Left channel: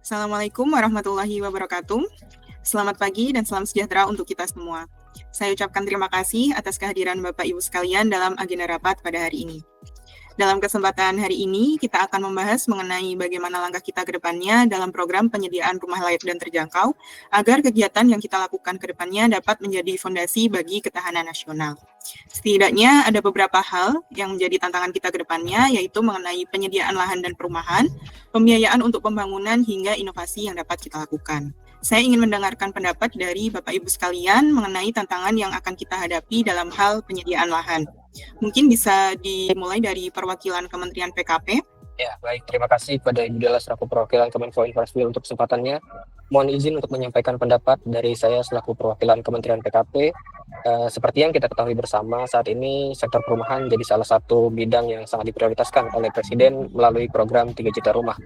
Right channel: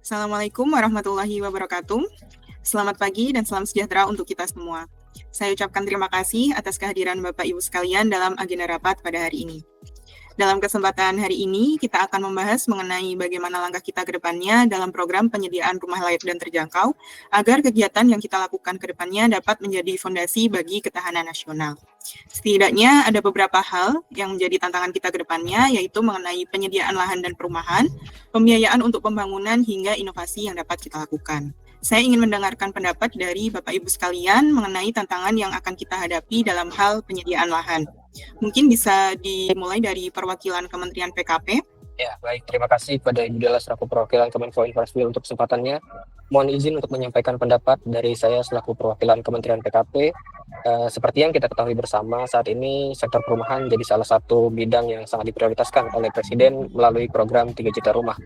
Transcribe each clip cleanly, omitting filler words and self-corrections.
Assalamualaikum warahmatullahi wabarakatuh. Selamat pagi dan salam sejahtera untuk kita semua. Saya ucapkan terima kasih atas kehadiran Bapak Ibu sekalian dalam agenda rapat pada hari ini. Dalam kesempatan hari ini, kita akan membahas mengenai bagaimana langkah kita ke depannya dalam program penyediaan rumah layak dan terjangkau, agar kegiatan yang kita lakukan ke depannya dapat menjadi fondasi bagi ketahanan nasional. Setidaknya ada beberapa hal yang menjadi tantangan kita ke depannya, yaitu mengenai penyediaan lahan dan perumahan, pembiayaan untuk pembangunan, hingga inovasi yang dapat kita lakukan. Saya ingin mendengarkan pendapat dari Bapak Ibu sekalian mengenai tantangan yang akan kita hadapi dalam hal penyediaan lahan. Mungkin bisa dimulai dari perwakilan Kementerian PKP. Ya, baik. Terima kasih pada Ibu Della selaku perwakilan Kemenko Infrastruktur untuk kesempatannya. Mohon izin untuk menyampaikan pendapat dari saya selaku perwakilan Kementerian PKP. Seperti yang kita ketahui bersama, saat ini sektor perumahan jadi salah satu bidang yang sangat diprioritaskan oleh Presiden melalui program 3 juta rumah.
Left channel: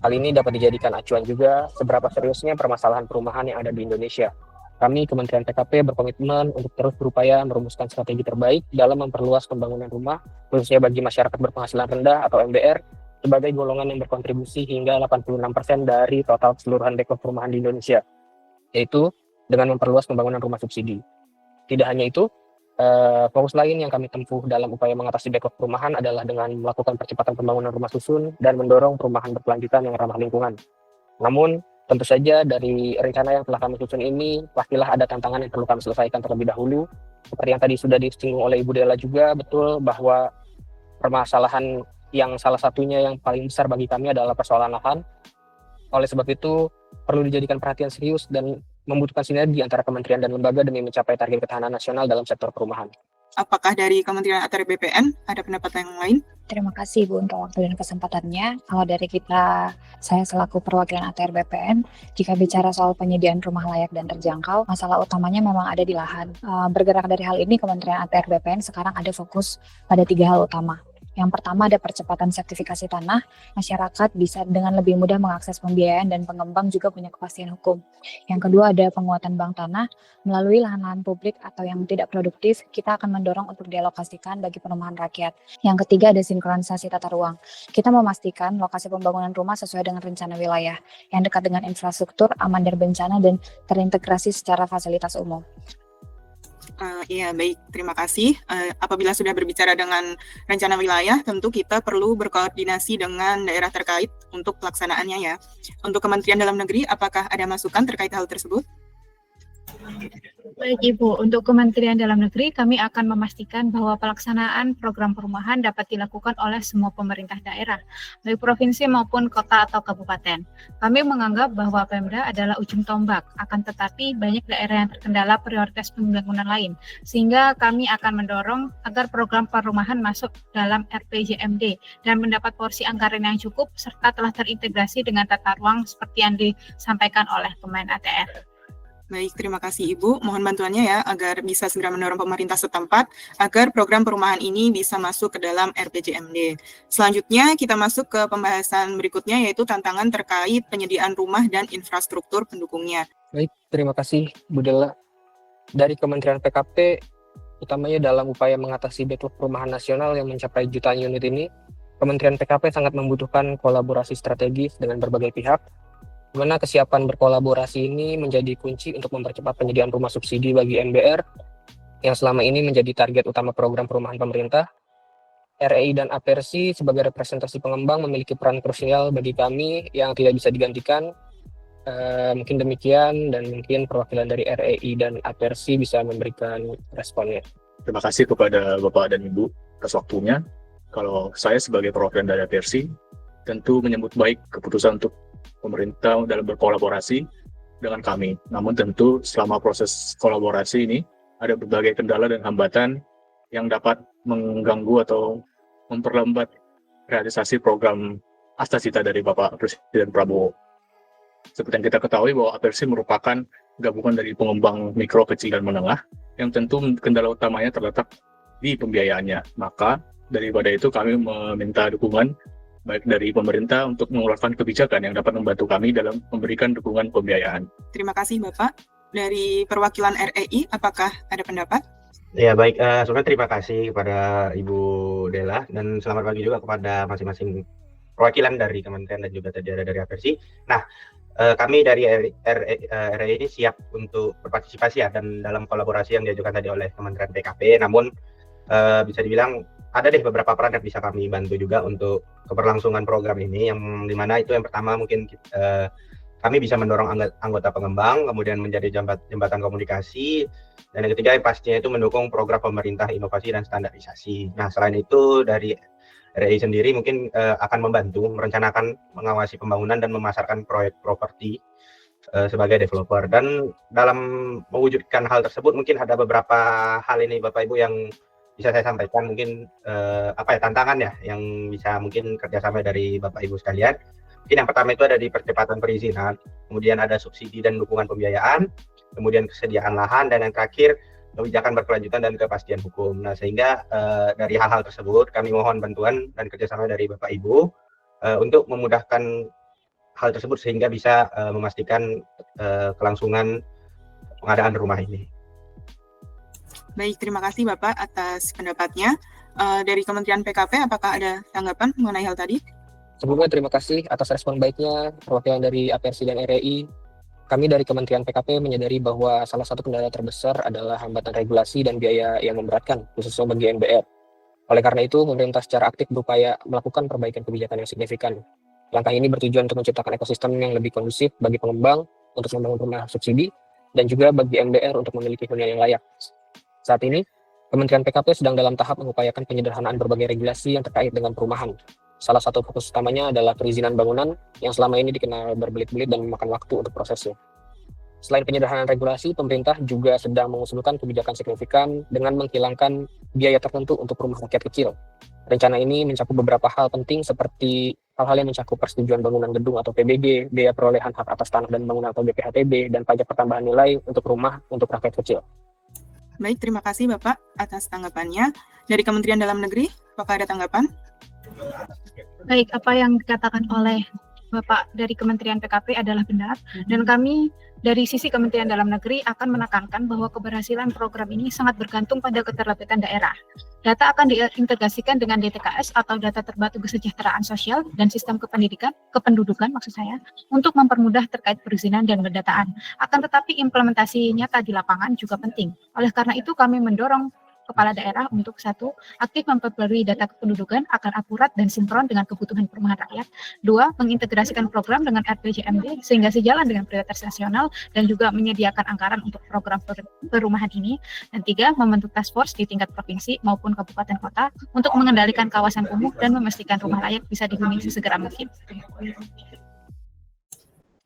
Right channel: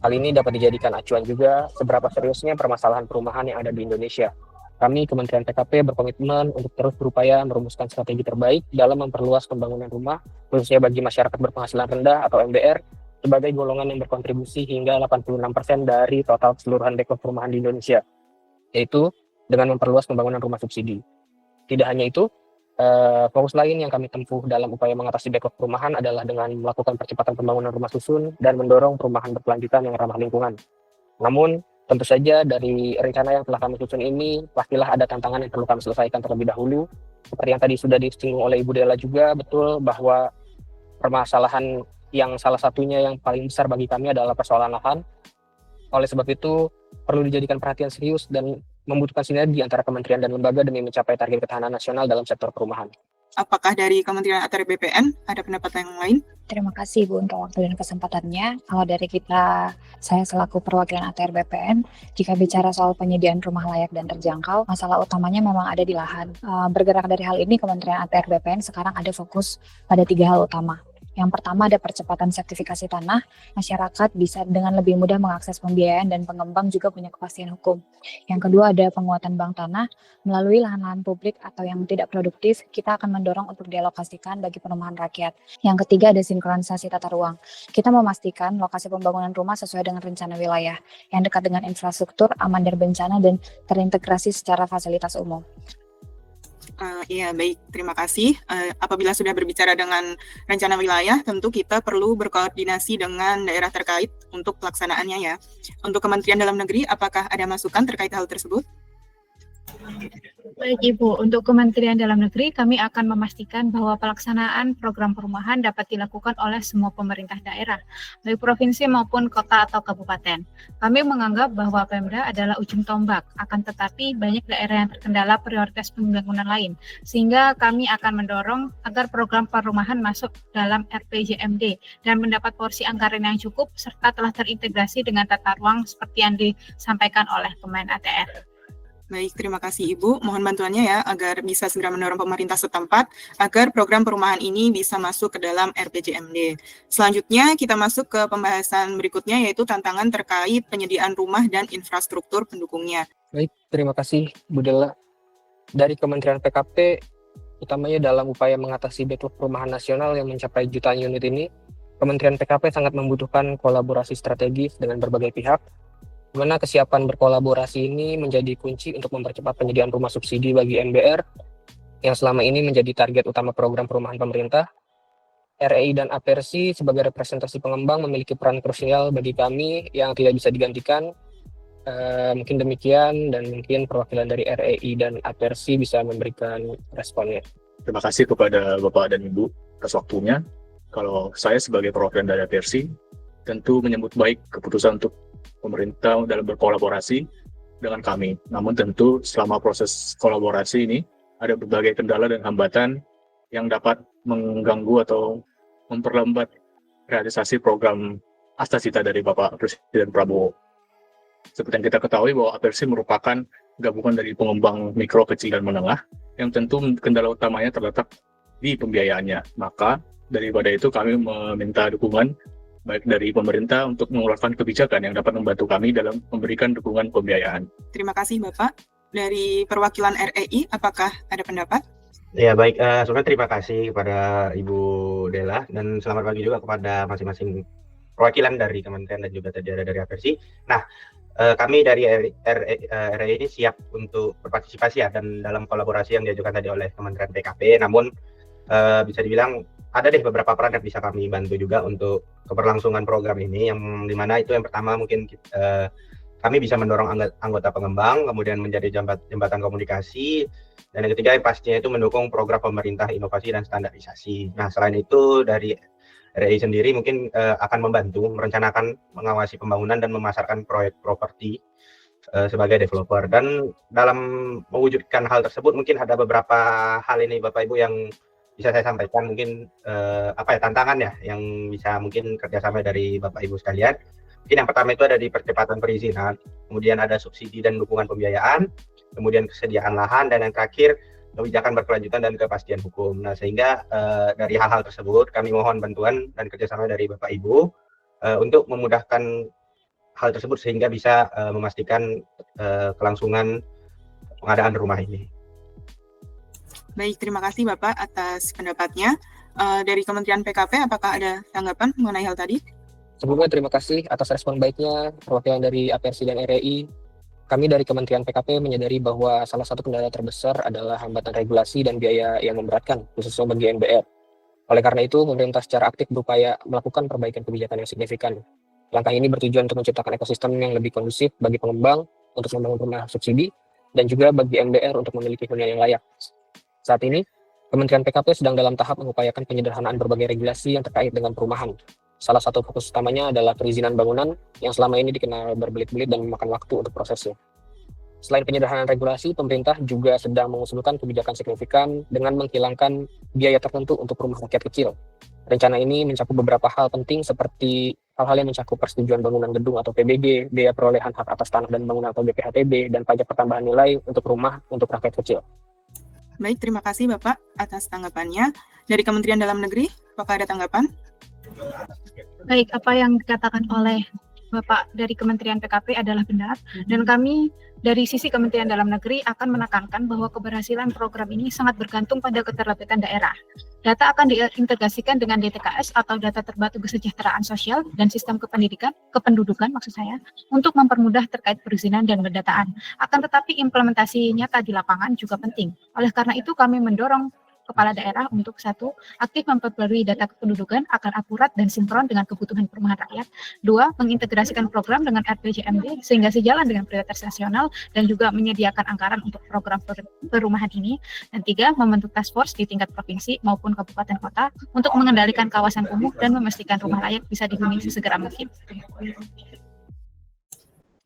Hal ini dapat dijadikan acuan juga seberapa seriusnya permasalahan perumahan yang ada di Indonesia. Kami Kementerian PKP berkomitmen untuk terus berupaya merumuskan strategi terbaik dalam memperluas pembangunan rumah, khususnya bagi masyarakat berpenghasilan rendah atau MBR, sebagai golongan yang berkontribusi hingga 86% dari total keseluruhan dekor perumahan di Indonesia, yaitu dengan memperluas pembangunan rumah subsidi. Tidak hanya itu, fokus lain yang kami tempuh dalam upaya mengatasi backlog perumahan adalah dengan melakukan percepatan pembangunan rumah susun dan mendorong perumahan berkelanjutan yang ramah lingkungan. Namun, tentu saja dari rencana yang telah kami susun ini, pastilah ada tantangan yang perlu kami selesaikan terlebih dahulu. Seperti yang tadi sudah disinggung oleh Ibu Della juga, betul bahwa permasalahan yang salah satunya yang paling besar bagi kami adalah persoalan lahan. Oleh sebab itu, perlu dijadikan perhatian serius dan membutuhkan sinergi antara kementerian dan lembaga demi mencapai target ketahanan nasional dalam sektor perumahan. Apakah dari Kementerian ATR BPN ada pendapat yang lain? Terima kasih Bu untuk waktu dan kesempatannya. Kalau dari kita, saya selaku perwakilan ATR BPN, jika bicara soal penyediaan rumah layak dan terjangkau, masalah utamanya memang ada di lahan. Bergerak dari hal ini, Kementerian ATR BPN sekarang ada fokus pada 3 hal utama. Yang pertama ada percepatan sertifikasi tanah, masyarakat bisa dengan lebih mudah mengakses pembiayaan dan pengembang juga punya kepastian hukum. Yang kedua ada penguatan bank tanah, melalui lahan-lahan publik atau yang tidak produktif, kita akan mendorong untuk dialokasikan bagi perumahan rakyat. Yang ketiga ada sinkronisasi tata ruang. Kita memastikan lokasi pembangunan rumah sesuai dengan rencana wilayah, yang dekat dengan infrastruktur, aman dari bencana, dan terintegrasi secara fasilitas umum. Iya, baik. Terima kasih. Apabila sudah berbicara dengan rencana wilayah, tentu kita perlu berkoordinasi dengan daerah terkait untuk pelaksanaannya ya. Untuk Kementerian Dalam Negeri, apakah ada masukan terkait hal tersebut? Baik Ibu, untuk Kementerian Dalam Negeri kami akan memastikan bahwa pelaksanaan program perumahan dapat dilakukan oleh semua pemerintah daerah, baik provinsi maupun kota atau kabupaten. Kami menganggap bahwa Pemda adalah ujung tombak, akan tetapi banyak daerah yang terkendala prioritas pembangunan lain, sehingga kami akan mendorong agar program perumahan masuk dalam RPJMD dan mendapat porsi anggaran yang cukup serta telah terintegrasi dengan tata ruang seperti yang disampaikan oleh Kemen ATR. Baik, terima kasih Ibu. Mohon bantuannya ya, agar bisa segera mendorong pemerintah setempat, agar program perumahan ini bisa masuk ke dalam RPJMD. Selanjutnya, kita masuk ke pembahasan berikutnya, yaitu tantangan terkait penyediaan rumah dan infrastruktur pendukungnya. Baik, terima kasih Bu Della. Dari Kementerian PKP, utamanya dalam upaya mengatasi backlog perumahan nasional yang mencapai jutaan unit ini, Kementerian PKP sangat membutuhkan kolaborasi strategis dengan berbagai pihak, di mana kesiapan berkolaborasi ini menjadi kunci untuk mempercepat penyediaan rumah subsidi bagi MBR yang selama ini menjadi target utama program perumahan pemerintah. REI dan APERSI sebagai representasi pengembang memiliki peran krusial bagi kami yang tidak bisa digantikan. Mungkin demikian, dan mungkin perwakilan dari REI dan APERSI bisa memberikan responnya. Terima kasih kepada Bapak dan Ibu atas waktunya. Kalau saya sebagai perwakilan dari APERSI, tentu menyambut baik keputusan untuk pemerintah dalam berkolaborasi dengan kami. Namun tentu selama proses kolaborasi ini ada berbagai kendala dan hambatan yang dapat mengganggu atau memperlambat realisasi program Astasita dari Bapak Presiden. Seperti yang kita ketahui bahwa APERSI merupakan gabungan dari pengembang mikro, kecil, dan menengah yang tentu kendala utamanya terletak di pembiayaannya. Maka daripada itu kami meminta dukungan baik dari pemerintah untuk mengeluarkan kebijakan yang dapat membantu kami dalam memberikan dukungan pembiayaan. Terima kasih Bapak. Dari perwakilan REI, apakah ada pendapat? Ya baik, sebelumnya terima kasih kepada Ibu Della dan selamat pagi juga kepada masing-masing perwakilan dari kementerian dan juga tadi ada dari APERSI. Nah, kami dari RE ini siap untuk berpartisipasi ya, dan dalam kolaborasi yang diajukan tadi oleh Kementerian PKP. Namun bisa dibilang ada deh beberapa peran yang bisa kami bantu juga untuk keberlangsungan program ini, yang dimana itu yang pertama mungkin kami bisa mendorong anggota pengembang, kemudian menjadi jembatan komunikasi, dan yang ketiga yang pastinya itu mendukung program pemerintah inovasi dan standarisasi. Nah, selain itu dari RI sendiri mungkin akan membantu merencanakan, mengawasi pembangunan dan memasarkan proyek properti sebagai developer. Dan dalam mewujudkan hal tersebut mungkin ada beberapa hal ini Bapak Ibu yang bisa saya sampaikan, mungkin tantangan ya yang bisa mungkin kerjasama dari Bapak Ibu sekalian. Mungkin yang pertama itu ada di percepatan perizinan, kemudian ada subsidi dan dukungan pembiayaan, kemudian kesediaan lahan, dan yang terakhir kebijakan berkelanjutan dan kepastian hukum. Nah, sehingga dari hal-hal tersebut kami mohon bantuan dan kerjasama dari Bapak Ibu untuk memudahkan hal tersebut sehingga bisa memastikan kelangsungan pengadaan rumah ini. Baik, terima kasih Bapak atas pendapatnya. Dari Kementerian PKP, apakah ada tanggapan mengenai hal tadi? Sebelumnya terima kasih atas respon baiknya perwakilan dari APERSI dan REI. Kami dari Kementerian PKP menyadari bahwa salah satu kendala terbesar adalah hambatan regulasi dan biaya yang memberatkan, khususnya bagi NBR. Oleh karena itu, pemerintah secara aktif berupaya melakukan perbaikan kebijakan yang signifikan. Langkah ini bertujuan untuk menciptakan ekosistem yang lebih kondusif bagi pengembang untuk membangun rumah subsidi, dan juga bagi NBR untuk memiliki hunian yang layak. Saat ini, Kementerian PKP sedang dalam tahap mengupayakan penyederhanaan berbagai regulasi yang terkait dengan perumahan. Salah satu fokus utamanya adalah perizinan bangunan yang selama ini dikenal berbelit-belit dan memakan waktu untuk prosesnya. Selain penyederhanaan regulasi, pemerintah juga sedang mengusulkan kebijakan signifikan dengan menghilangkan biaya tertentu untuk rumah rakyat kecil. Rencana ini mencakup beberapa hal penting seperti hal-hal yang mencakup persetujuan bangunan gedung atau PBG, biaya perolehan hak atas tanah dan bangunan atau BPHTB, dan pajak pertambahan nilai untuk rumah untuk rakyat kecil. Baik, terima kasih Bapak atas tanggapannya. Dari Kementerian Dalam Negeri, Bapak ada tanggapan? Baik, apa yang dikatakan oleh Bapak dari Kementerian PKP adalah benar, dan kami dari sisi Kementerian Dalam Negeri akan menekankan bahwa keberhasilan program ini sangat bergantung pada keterlibatan daerah. Data akan diintegrasikan dengan DTKS atau data terpadu kesejahteraan sosial dan sistem kependudukan maksud saya, untuk mempermudah terkait perizinan dan pendataan. Akan tetapi implementasi nyata di lapangan juga penting. Oleh karena itu kami mendorong kepala daerah untuk satu, aktif memperbarui data kependudukan agar akurat dan sinkron dengan kebutuhan perumahan rakyat. Dua, mengintegrasikan program dengan RPJMD sehingga sejalan dengan prioritas nasional dan juga menyediakan anggaran untuk program-program perumahan ini. Dan tiga, membentuk task force di tingkat provinsi maupun kabupaten kota untuk mengendalikan kawasan kumuh dan memastikan rumah layak bisa dihuni sesegera mungkin.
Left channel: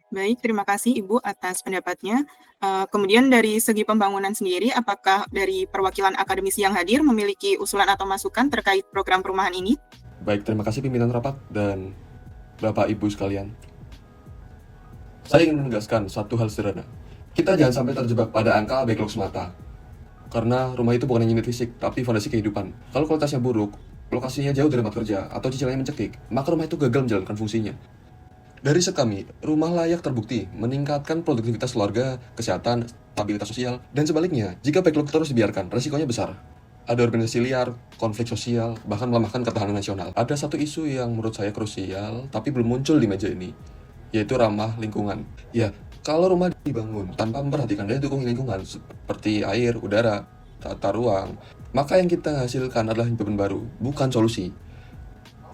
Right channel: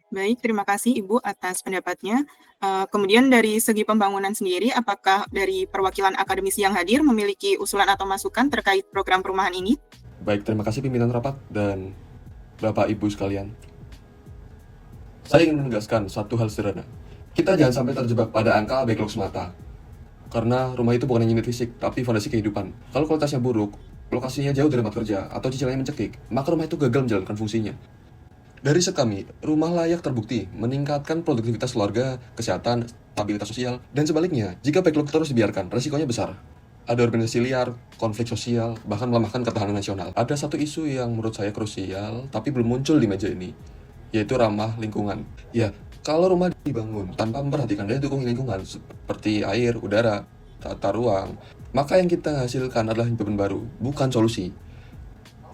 Baik, terima kasih Ibu atas pendapatnya. Kemudian dari segi pembangunan sendiri, apakah dari perwakilan akademisi yang hadir memiliki usulan atau masukan terkait program perumahan ini? Baik, terima kasih pimpinan rapat dan Bapak Ibu sekalian. Saya ingin menegaskan satu hal sederhana. Kita jangan sampai terjebak pada angka backlog semata. Karena rumah itu bukan hanya unit fisik, tapi fondasi kehidupan. Kalau kualitasnya buruk, lokasinya jauh dari tempat kerja, atau cicilannya mencekik, maka rumah itu gagal menjalankan fungsinya. Dari riset kami, rumah layak terbukti meningkatkan produktivitas keluarga, kesehatan, stabilitas sosial, dan sebaliknya, jika backlog terus dibiarkan, resikonya besar. Ada organisasi liar, konflik sosial, bahkan melemahkan ketahanan nasional. Ada satu isu yang menurut saya krusial, tapi belum muncul di meja ini, yaitu ramah lingkungan. Ya, kalau rumah dibangun tanpa memperhatikan daya dukung lingkungan, seperti air, udara, tata ruang, maka yang kita hasilkan adalah beban baru, bukan solusi.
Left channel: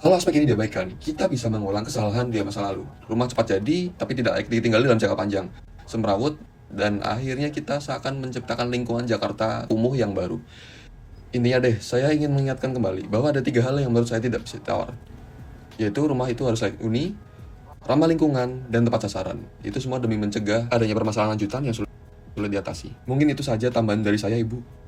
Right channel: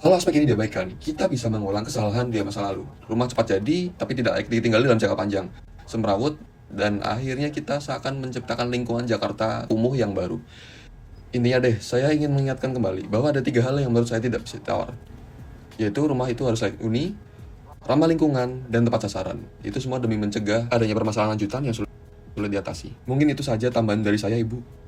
Kalau aspek ini diabaikan, kita bisa mengulang kesalahan di masa lalu. Rumah cepat jadi, tapi tidak ditinggali dalam jangka panjang. Semrawut, dan akhirnya kita seakan menciptakan lingkungan Jakarta kumuh yang baru. Intinya deh, saya ingin mengingatkan kembali bahwa ada 3 hal yang menurut saya tidak bisa ditawar. Yaitu rumah itu harus layak huni, ramah lingkungan, dan tepat sasaran. Itu semua demi mencegah adanya permasalahan lanjutan yang sulit diatasi. Mungkin itu saja tambahan dari saya, Ibu.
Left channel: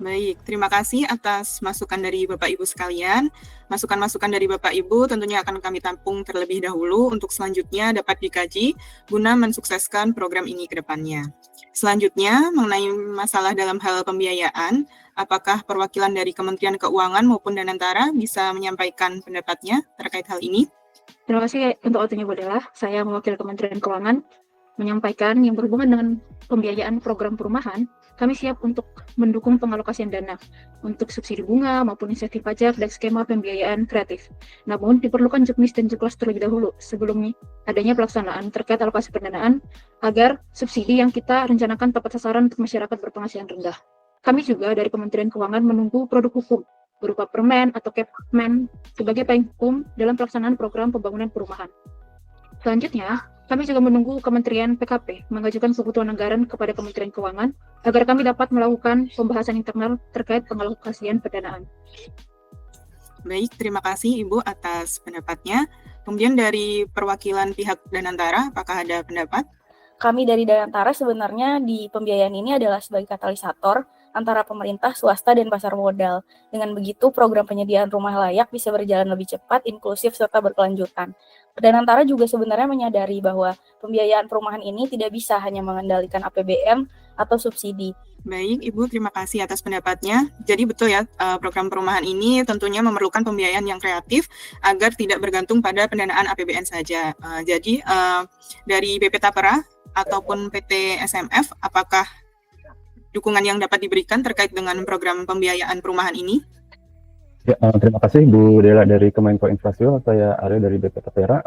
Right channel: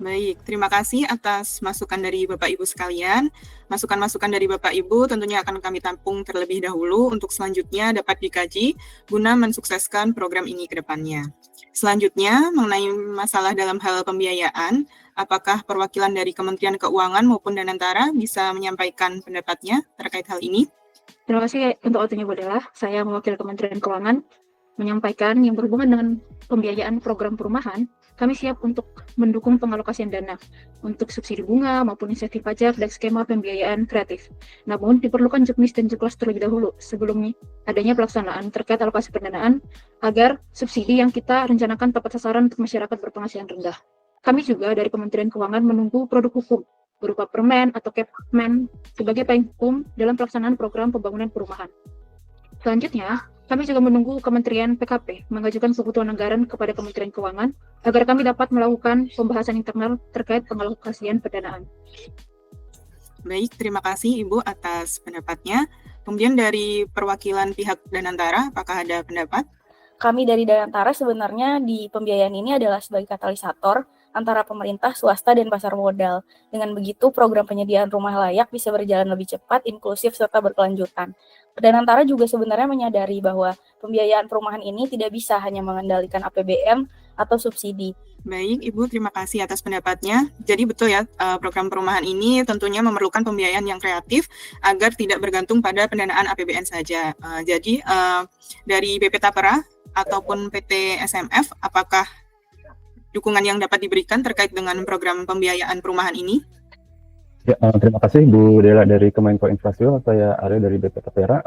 Baik, terima kasih atas masukan dari Bapak Ibu sekalian. Masukan-masukan dari Bapak Ibu tentunya akan kami tampung terlebih dahulu untuk selanjutnya dapat dikaji guna mensukseskan program ini ke depannya. Selanjutnya, mengenai masalah dalam hal pembiayaan, apakah perwakilan dari Kementerian Keuangan maupun Danantara bisa menyampaikan pendapatnya terkait hal ini? Terima kasih untuk waktunya Bu Della. Saya mewakili Kementerian Keuangan. menyampaikan yang berhubungan dengan pembiayaan program perumahan, kami siap untuk mendukung pengalokasian dana untuk subsidi bunga maupun insentif pajak dan skema pembiayaan kreatif. Namun, diperlukan juknis dan juklas terlebih dahulu sebelum adanya pelaksanaan terkait alokasi pendanaan agar subsidi yang kita rencanakan tepat sasaran untuk masyarakat berpenghasilan rendah. Kami juga dari Kementerian Keuangan menunggu produk hukum berupa permen atau Kepmen sebagai payung hukum dalam pelaksanaan program pembangunan perumahan. Selanjutnya, kami juga menunggu Kementerian PKP mengajukan kebutuhan anggaran kepada Kementerian Keuangan agar kami dapat melakukan pembahasan internal terkait pengalokasian pendanaan. Baik, terima kasih Ibu atas pendapatnya. Kemudian dari perwakilan pihak Danantara, apakah ada pendapat? Kami dari Danantara sebenarnya di pembiayaan ini adalah sebagai katalisator antara pemerintah, swasta, dan pasar modal. Dengan begitu, program penyediaan rumah layak bisa berjalan lebih cepat, inklusif, serta berkelanjutan. Danantara juga sebenarnya menyadari bahwa pembiayaan perumahan ini tidak bisa hanya mengendalikan APBN atau subsidi. Baik, Ibu, terima kasih atas pendapatnya. Jadi betul ya, program perumahan ini tentunya memerlukan pembiayaan yang kreatif agar tidak bergantung pada pendanaan APBN saja. Jadi dari BP Tapera ataupun PT SMF, apakah dukungan yang dapat diberikan terkait dengan program pembiayaan perumahan ini? Ya, terima kasih Bu Dela dari Kemenko Infrastruktur. Saya Aryo dari BP Tapera.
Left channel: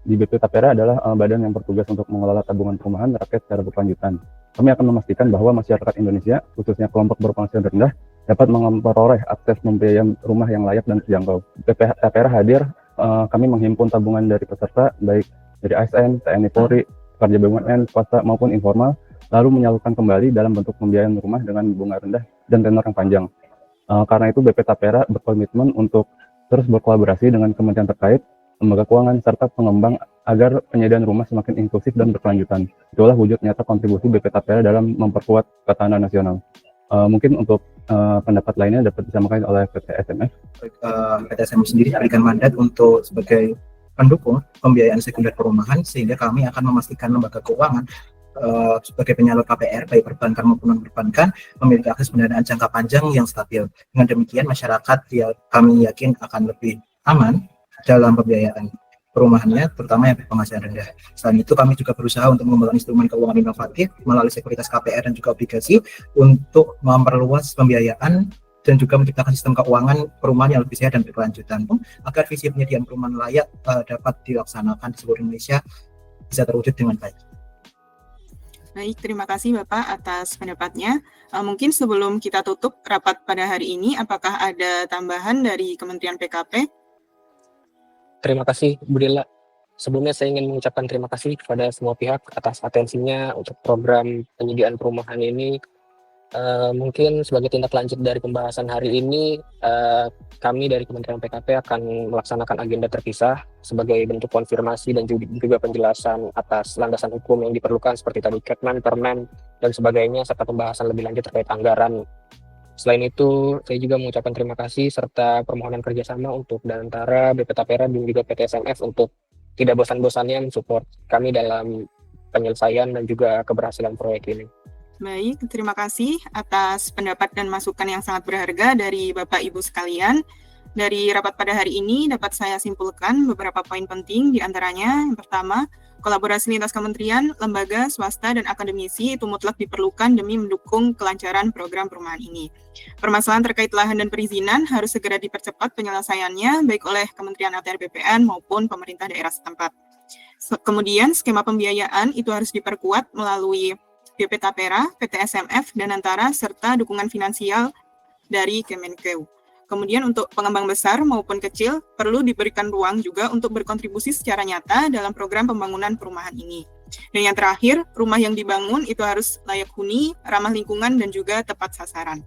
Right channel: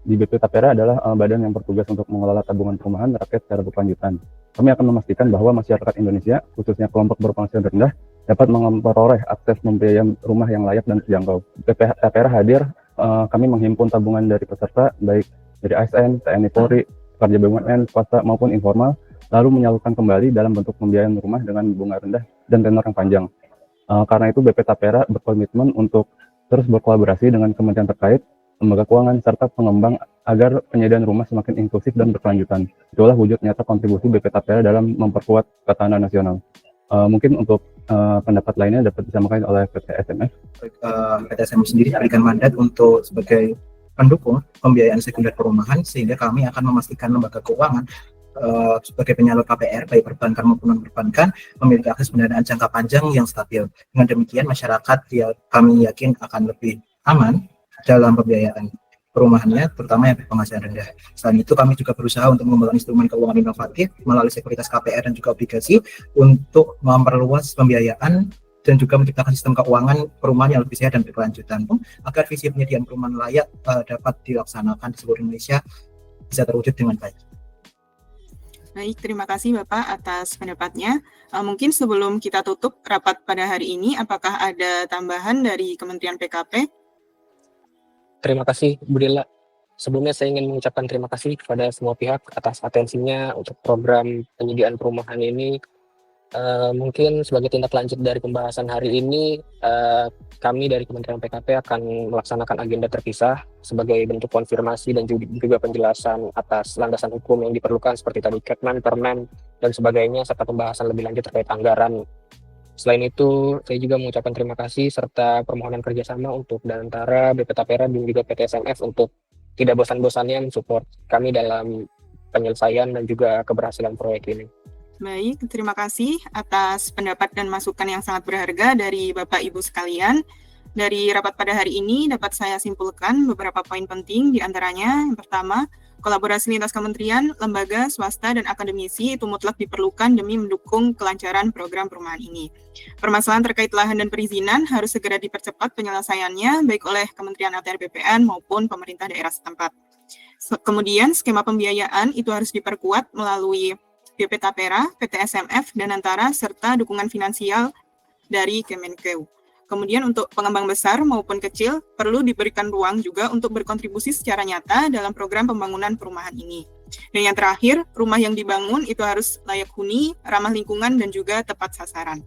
Di BP Tapera adalah badan yang bertugas untuk mengelola tabungan perumahan rakyat secara berkelanjutan. Kami akan memastikan bahwa masyarakat Indonesia, khususnya kelompok berpenghasilan rendah, dapat memperoleh akses pembiayaan rumah yang layak dan terjangkau. BP Tapera hadir, kami menghimpun tabungan dari peserta, baik dari ASN, TNI Polri, pekerja BUMN, swasta maupun informal, lalu menyalurkan kembali dalam bentuk pembiayaan rumah dengan bunga rendah dan tenor yang panjang. Karena itu BP Tapera berkomitmen untuk terus berkolaborasi dengan kementerian terkait, lembaga keuangan, serta pengembang agar penyediaan rumah semakin inklusif dan berkelanjutan. Itulah wujud nyata kontribusi BP Tapera dalam memperkuat ketahanan nasional. Mungkin untuk pendapat lainnya dapat disampaikan oleh PT SMF. PT SMF sendiri diberikan mandat untuk sebagai pendukung pembiayaan sekunder perumahan, sehingga kami akan memastikan lembaga keuangan sebagai penyalur KPR baik perbankan maupun non-perbankan memiliki akses pendanaan jangka panjang yang stabil. Dengan demikian masyarakat kami yakin akan lebih aman dalam pembiayaan perumahannya, terutama yang berpenghasilan rendah. Selain itu kami juga berusaha untuk mengembangkan instrumen keuangan inovatif melalui sekuritas KPR dan juga obligasi untuk memperluas pembiayaan dan juga menciptakan sistem keuangan perumahan yang lebih sehat dan berkelanjutan agar visi penyediaan perumahan layak dapat dilaksanakan di seluruh Indonesia bisa terwujud dengan baik. Baik, terima kasih Bapak atas pendapatnya. Mungkin sebelum kita tutup rapat pada hari ini, apakah ada tambahan dari Kementerian PKP? Terima kasih Bu Dela. Sebelumnya saya ingin mengucapkan terima kasih kepada semua pihak atas atensinya untuk program penyediaan perumahan ini. Mungkin sebagai tindak lanjut dari pembahasan hari ini, kami dari Kementerian PKP akan melaksanakan agenda terpisah sebagai bentuk konfirmasi dan juga penjelasan atas landasan hukum yang diperlukan seperti tadi Kepmen, Permen, dan sebagainya, serta pembahasan lebih lanjut terkait anggaran. Selain itu, saya juga mengucapkan terima kasih serta permohonan kerjasama untuk Danantara, BP Tapera, dan juga PT SMF untuk tidak bosan-bosannya mensupport kami dalam penyelesaian dan juga keberhasilan proyek ini. Baik, terima kasih atas pendapat dan masukan yang sangat berharga dari Bapak Ibu sekalian. Dari rapat pada hari ini dapat saya simpulkan beberapa poin penting, di antaranya yang pertama, kolaborasi lintas kementerian, lembaga, swasta, dan akademisi itu mutlak diperlukan demi mendukung kelancaran program perumahan ini. Permasalahan terkait lahan dan perizinan harus segera dipercepat penyelesaiannya baik oleh Kementerian ATR BPN maupun pemerintah daerah setempat. Kemudian skema pembiayaan itu harus diperkuat melalui BP Tapera, PT SMF, Danantara, serta dukungan finansial dari Kemenkeu. Kemudian untuk pengembang besar maupun kecil, perlu diberikan ruang juga untuk berkontribusi secara nyata dalam program pembangunan perumahan ini. Dan yang terakhir, rumah yang dibangun itu harus layak huni, ramah lingkungan, dan juga tepat sasaran.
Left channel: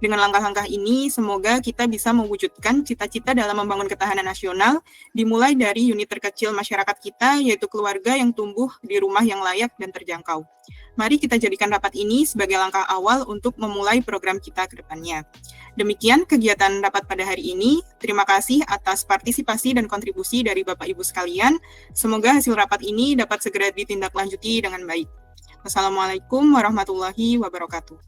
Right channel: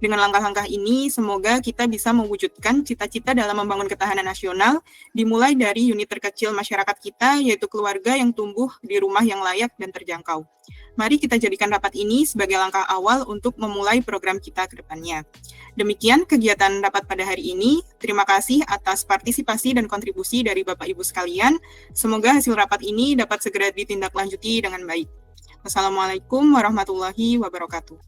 Dengan langkah-langkah ini, semoga kita bisa mewujudkan cita-cita dalam membangun ketahanan nasional, dimulai dari unit terkecil masyarakat kita, yaitu keluarga yang tumbuh di rumah yang layak dan terjangkau. Mari kita jadikan rapat ini sebagai langkah awal untuk memulai program kita ke depannya. Demikian kegiatan rapat pada hari ini. Terima kasih atas partisipasi dan kontribusi dari Bapak Ibu sekalian. Semoga hasil rapat ini dapat segera ditindaklanjuti dengan baik. Wassalamualaikum warahmatullahi wabarakatuh.